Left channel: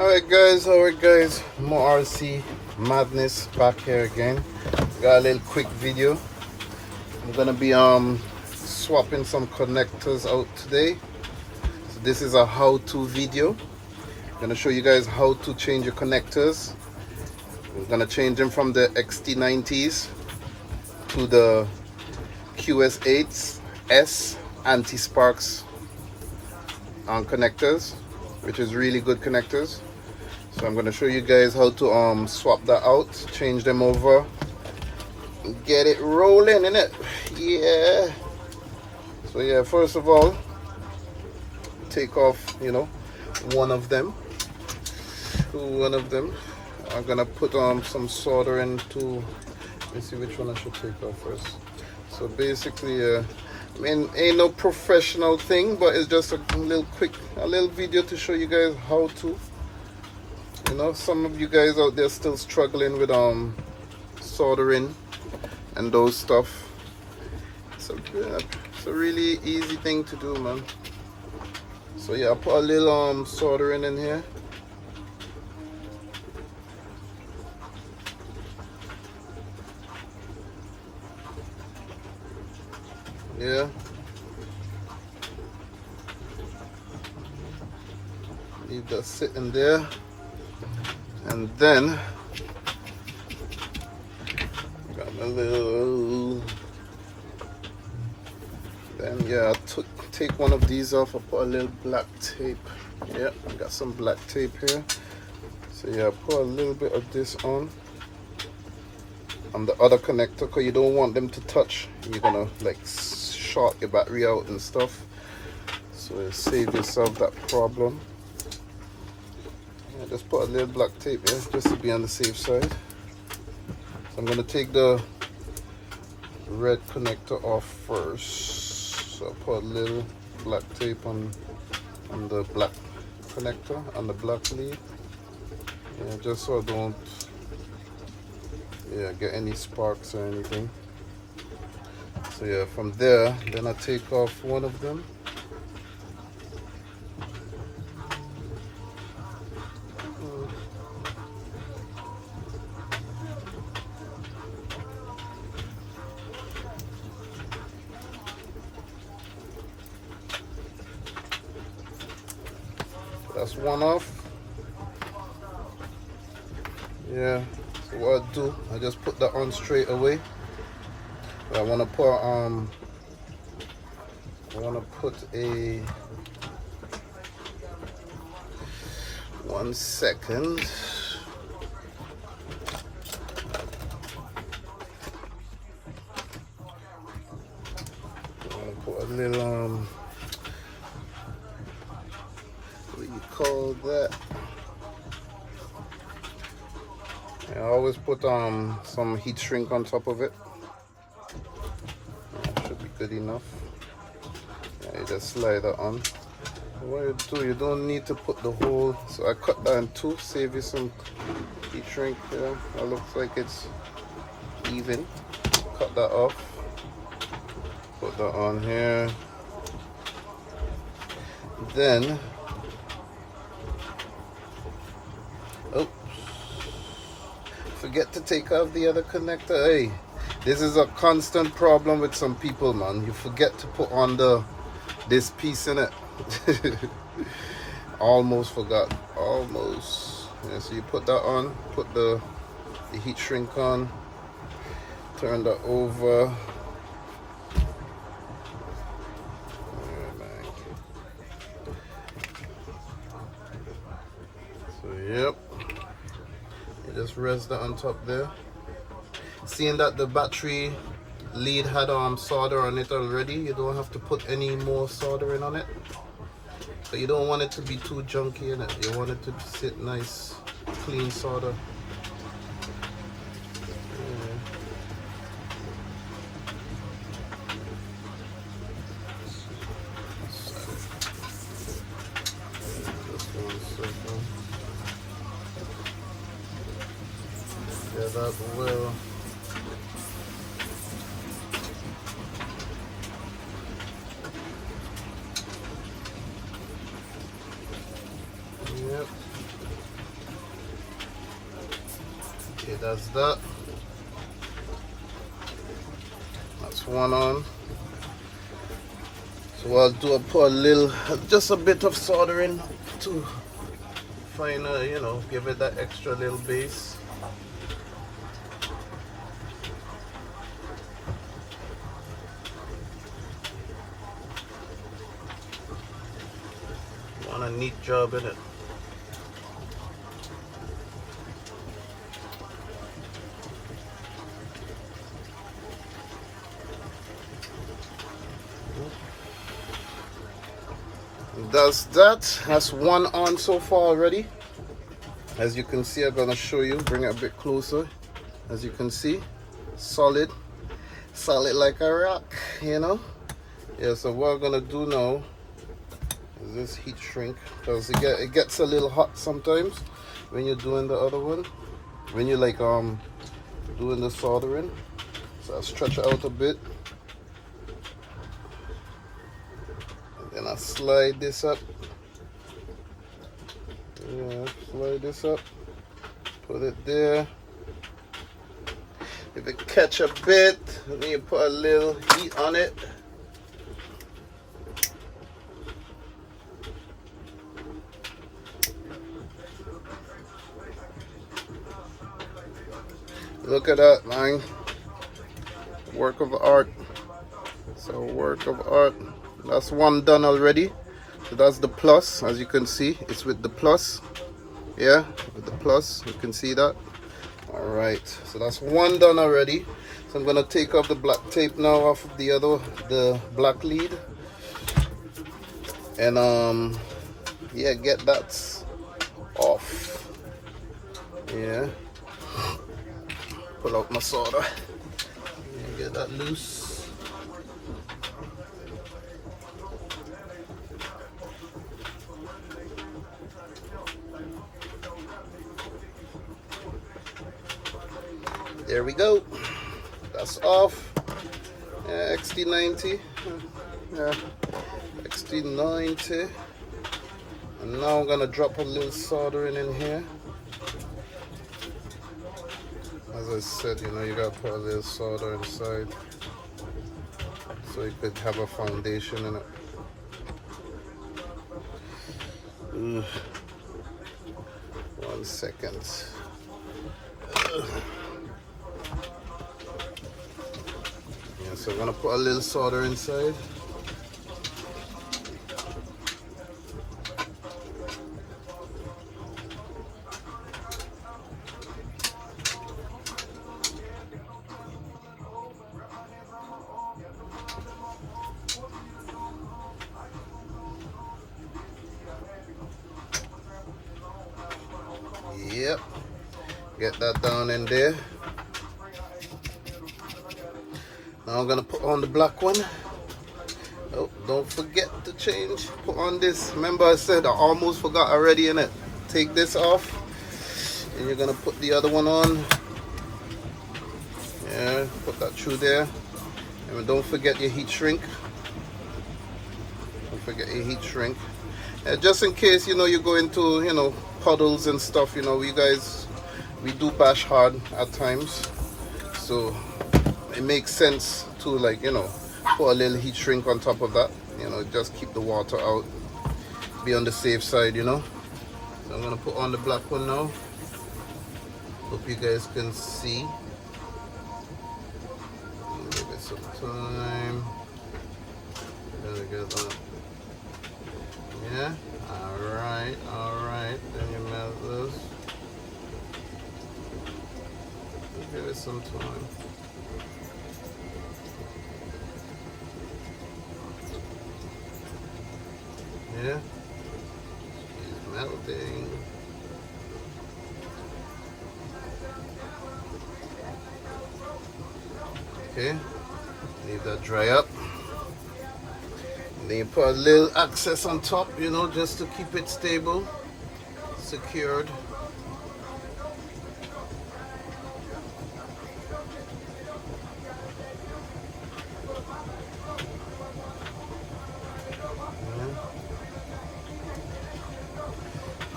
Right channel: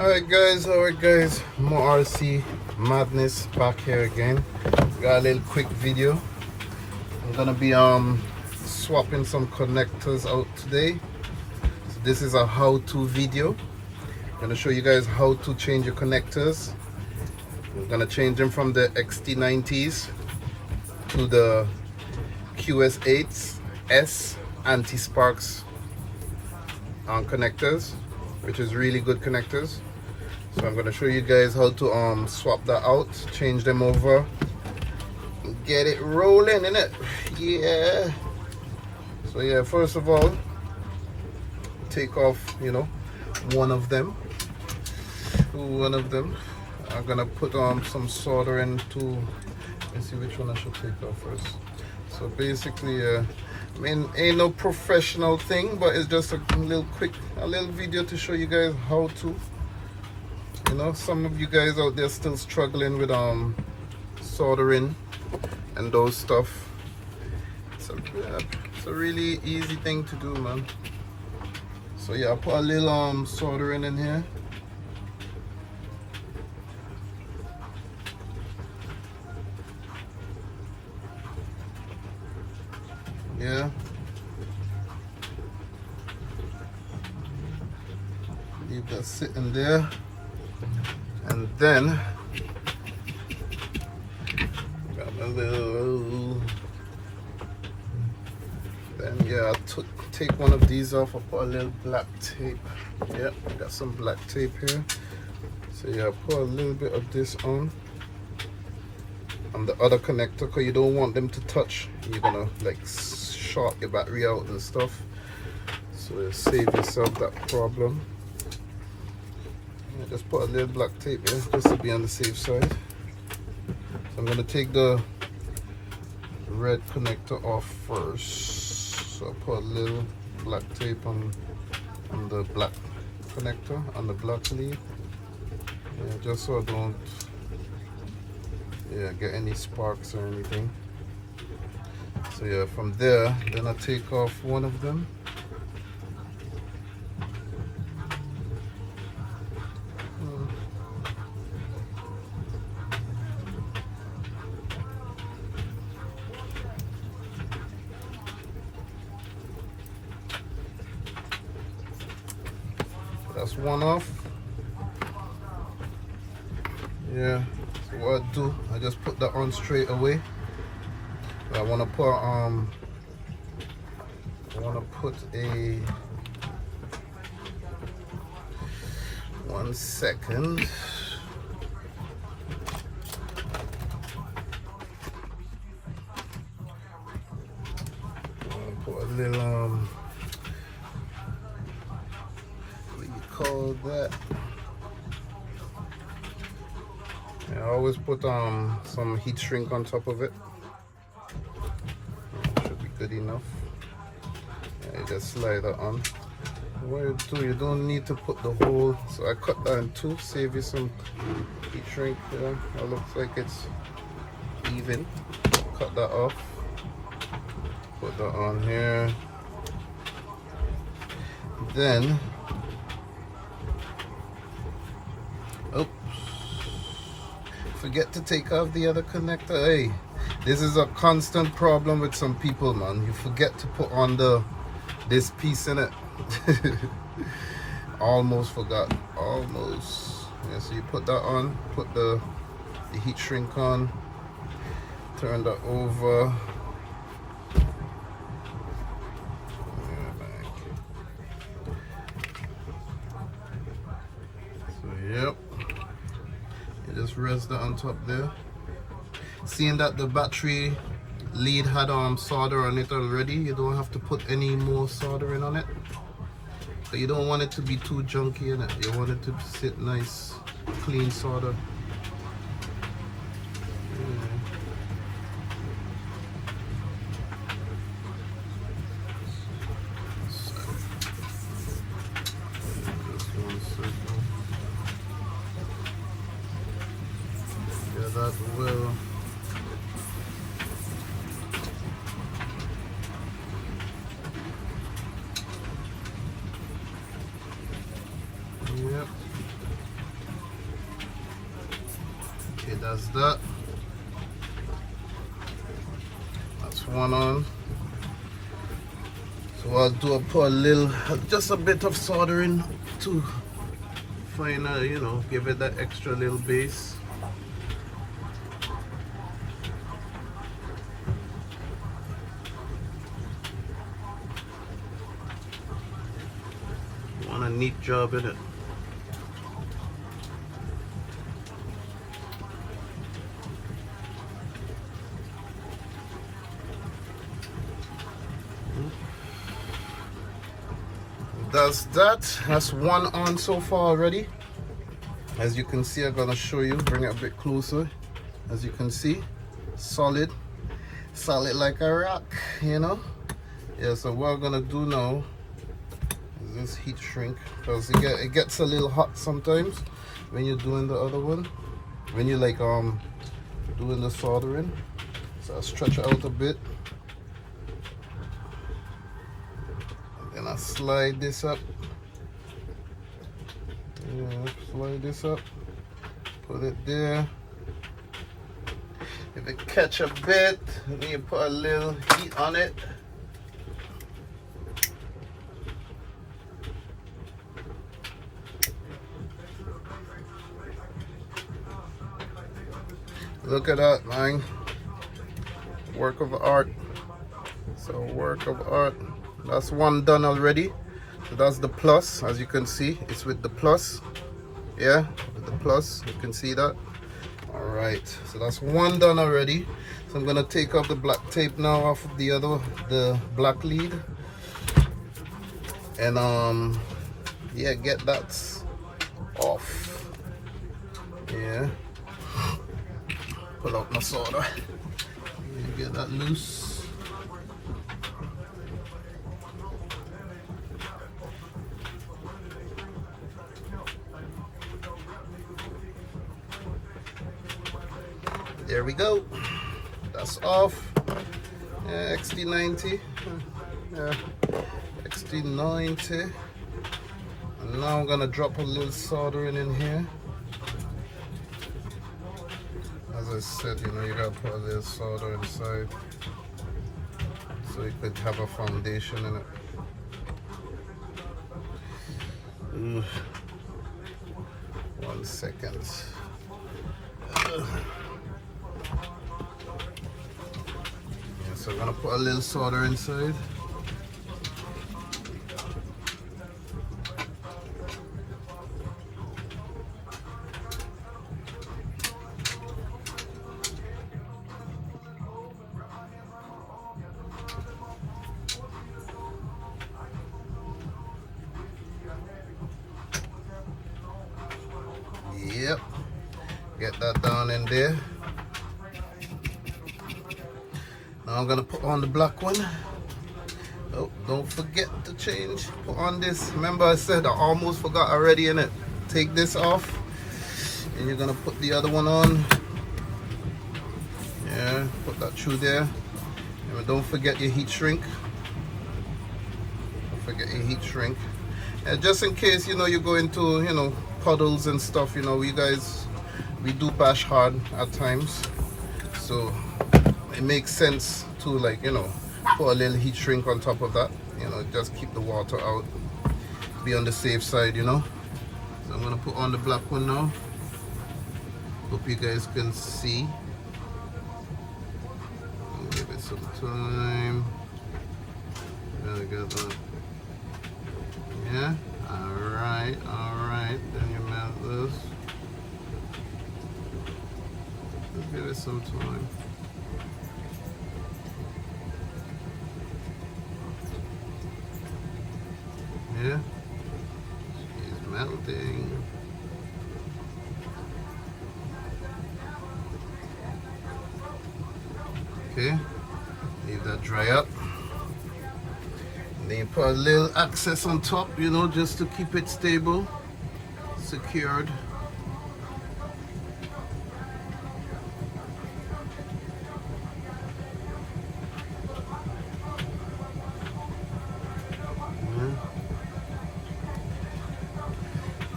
Alright guys, more RC madness back here again. Got a little quick video. I'm gonna be swapping some connectors out today. So this is a how-to video. I'm gonna show you guys how to change your connectors. We're gonna change them from the XT90s to the QS8-s anti-sparks connectors, which is really good connectors. So I'm going to show you guys how to swap that out, change them over, get it rolling in it. Yeah. So yeah, first of all, take off, one of them. I'm gonna put some soldering to. Let me see which one I should take off first. So basically, I mean, ain't no professional thing, but it's just a little video to show you guys how to. Some of you guys out there still struggling with soldering and those stuff. It's a really easy thing to do, man. So yeah, I put a little soldering in here. Yeah. Leave that sitting there. And then yeah, I take one of these off. I put a little black tape. Yeah, I got some black tape here. So yeah, I put a little bit of this on the other connector, because you don't want them to touch. You're gonna like short your battery out and stuff, so you save yourself that problem. Just put a little black tape here just to be on the safe side. So I'm going to take the red connector off first. So I put a little black tape on the black connector, on the black lead. Yeah, just so I don't get any sparks or anything. So yeah, from there, then I take off one of them. That's one off. Yeah, so what I do, I just put that on straight away. But I want to put a 1 second. Put a little what do you call that? Yeah, I always put some heat shrink on top of it. Should be good enough. Yeah, you just slide that on. What you do, you don't need to put the whole. So I cut that in two, save you some heat shrink there. That looks like it's even. Cut that off. Put that on here. Then, oops, forget to take off the other connector. Hey, this is a constant problem with some people, man. You forget to put on this piece in it. Almost forgot. Almost. Yeah, so you put that on, put the heat shrink on, turn that over. Yep, you just rest that on top there. Seeing that the battery lead had solder on it already, you don't have to put any more soldering on it. So you don't want it to be too junky in it. You want it to sit nice, clean solder. That will Yep. That's that. That's one on. So I'll put a little, just a bit of soldering to find give it that extra little base. Want a neat job in it. That's one on so far already. As you can see, I'm gonna show you, bring it a bit closer. As you can see, solid like a rock, Yeah, so what I'm gonna do now is this heat shrink, because it gets a little hot sometimes when you're doing the other one, when you're like doing the soldering. So I stretch it out a bit. And I slide this up. Yeah, slide this up. Put it there. If it catch a bit, then you put a little heat on it. Look at that, man. Work of art. So work of art. That's one done already. So that's the plus. As you can see, it's with the plus. Yeah, with the plus, you can see that. All right, so that's one done already. So I'm gonna take off the black tape now off of the black lead, and yeah, get that off. Yeah, pull out my solder and get that loose. There we go. That's off. Yeah, XT90. Yeah, XT90. And now I'm gonna drop a little soldering in here. As I said, you gotta put a little solder inside so you could have a foundation in it. Ugh. 1 second. Ugh. So I'm gonna put a little solder inside. Yep, get that down in there. Now I'm gonna put on the black one. Oh, don't forget to change. Put on this. Remember I said I almost forgot already in it. Take this off, and you're gonna put the other one on. Yeah, put that through there. And don't forget your heat shrink. Don't forget your heat shrink. Just in case you go into puddles and stuff. We do bash hard at times, so it makes sense to put a little heat shrink on top of that. Just keep the water out. Be on the safe side. So I'm gonna put on the black one now. Hope you guys can see. Give it some time. Gotta get that. Yeah. All right. Then you melt this. Give it some time. Yeah, she's melting. Okay, leave that dry up. And then you put a little access on top, just to keep it stable, secured.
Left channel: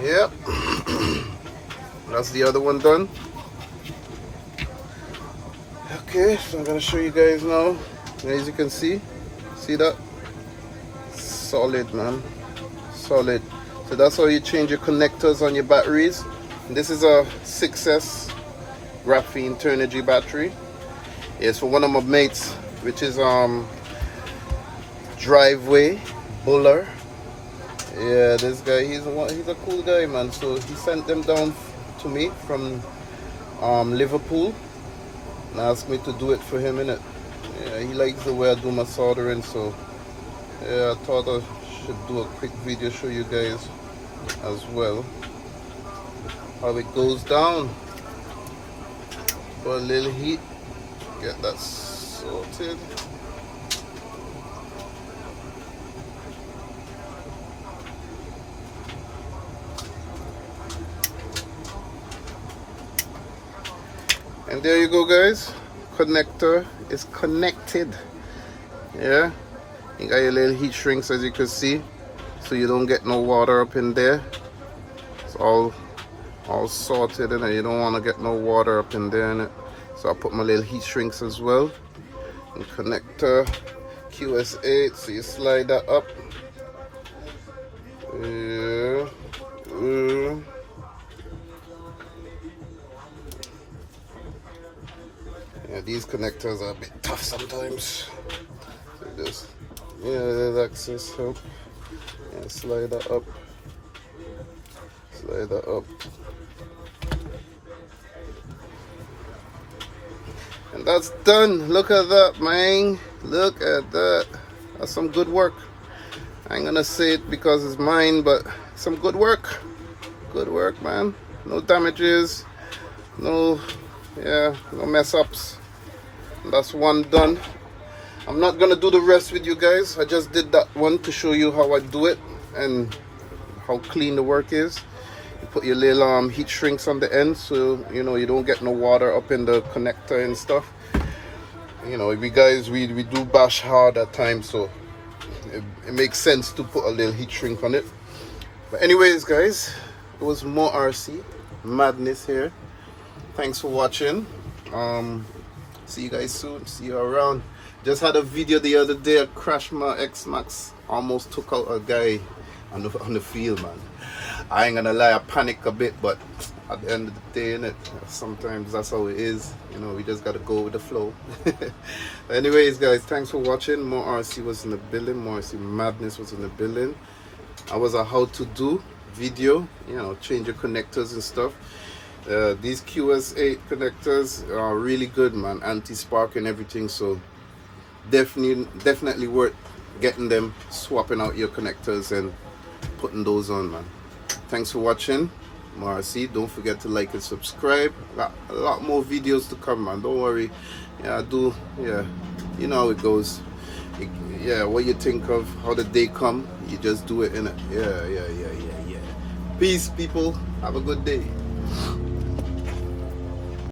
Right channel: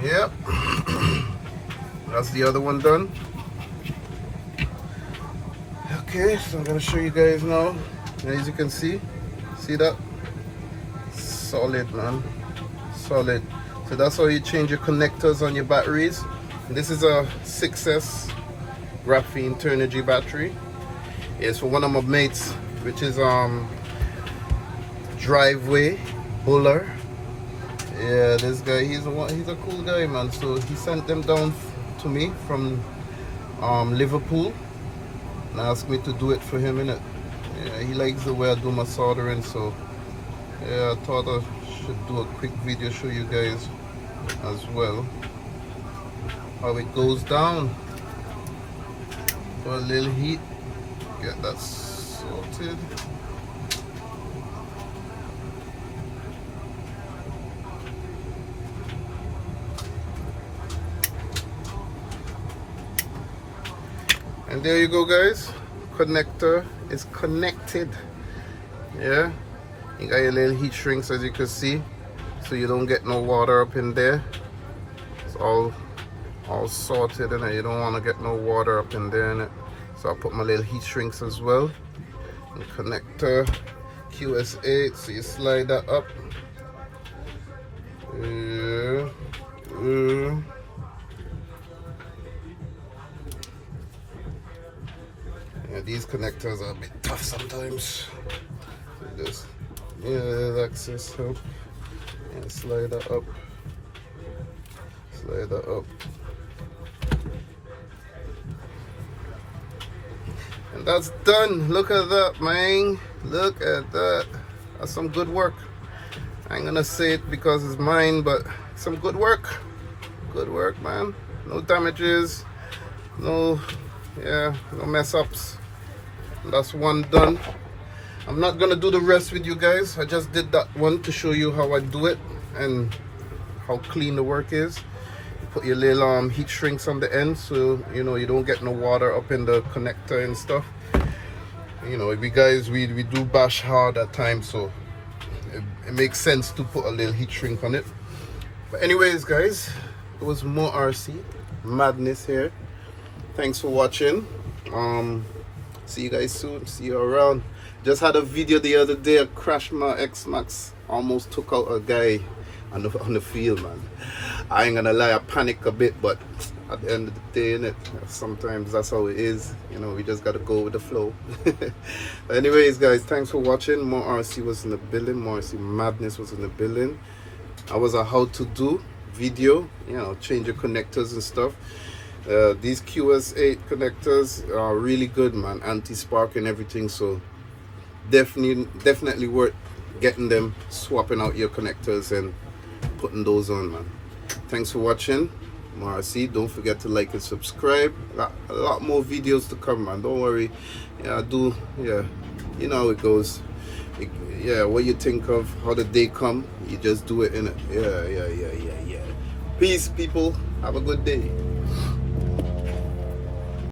Yep. That's the other one done. Okay, so I'm gonna show you guys now. As you can see that? Solid, man, solid. So that's how you change your connectors on your batteries. This is a 6S graphene Turnigy battery. It's for one of my mates, which is Driveway Buller. Yeah, this guy, he's a cool guy, man. So he sent them down to me from Liverpool and asked me to do it for him, innit? Yeah, he likes the way I do my soldering, so yeah, I thought I should do a quick video, show you guys as well how it goes down. For a little heat, get that sorted. And there you go, guys. Connector is connected. Yeah, you got your little heat shrinks, as you can see, so you don't get no water up in there. It's all sorted, and you don't want to get no water up in there, innit? So I put my little heat shrinks as well. And connector QS8, so you slide that up. Yeah. Yeah, these connectors are a bit tough sometimes. So just, yeah, there's access. So yeah, slide that up. Slide that up. And that's done. Look at that, man. Look at that. That's some good work. I ain't gonna say it because it's mine, but some good work. Good work, man. No damages. No mess ups. That's one done. I'm not gonna do the rest with you guys. I just did that one to show you how I do it and how clean the work is. You put your little heat shrinks on the end, so you know you don't get no water up in the connector and stuff. You know, we guys we do bash hard at times, so it makes sense to put a little heat shrink on it. But anyways, guys, it was more RC madness here. Thanks for watching. See you guys soon. See you around. Just had a video the other day. I crashed my X-Max. Almost took out a guy on the field, man. I ain't gonna lie, I panicked a bit, but at the end of the day, innit, sometimes that's how it is. You know, we just gotta go with the flow. Anyways, guys, thanks for watching. More RC was in the building. More RC madness was in the building. I was a how-to-do video. You know, change your connectors and stuff. These QS8 connectors are really good, man, anti-spark and everything, so definitely worth getting them, swapping out your connectors and putting those on, man. Thanks for watching. Marcy, don't forget to like and subscribe. A lot more videos to come, man, don't worry. Yeah, you know how it goes. Yeah, what you think of how the day come, you just do it, innit? Yeah. Peace, people, have a good day.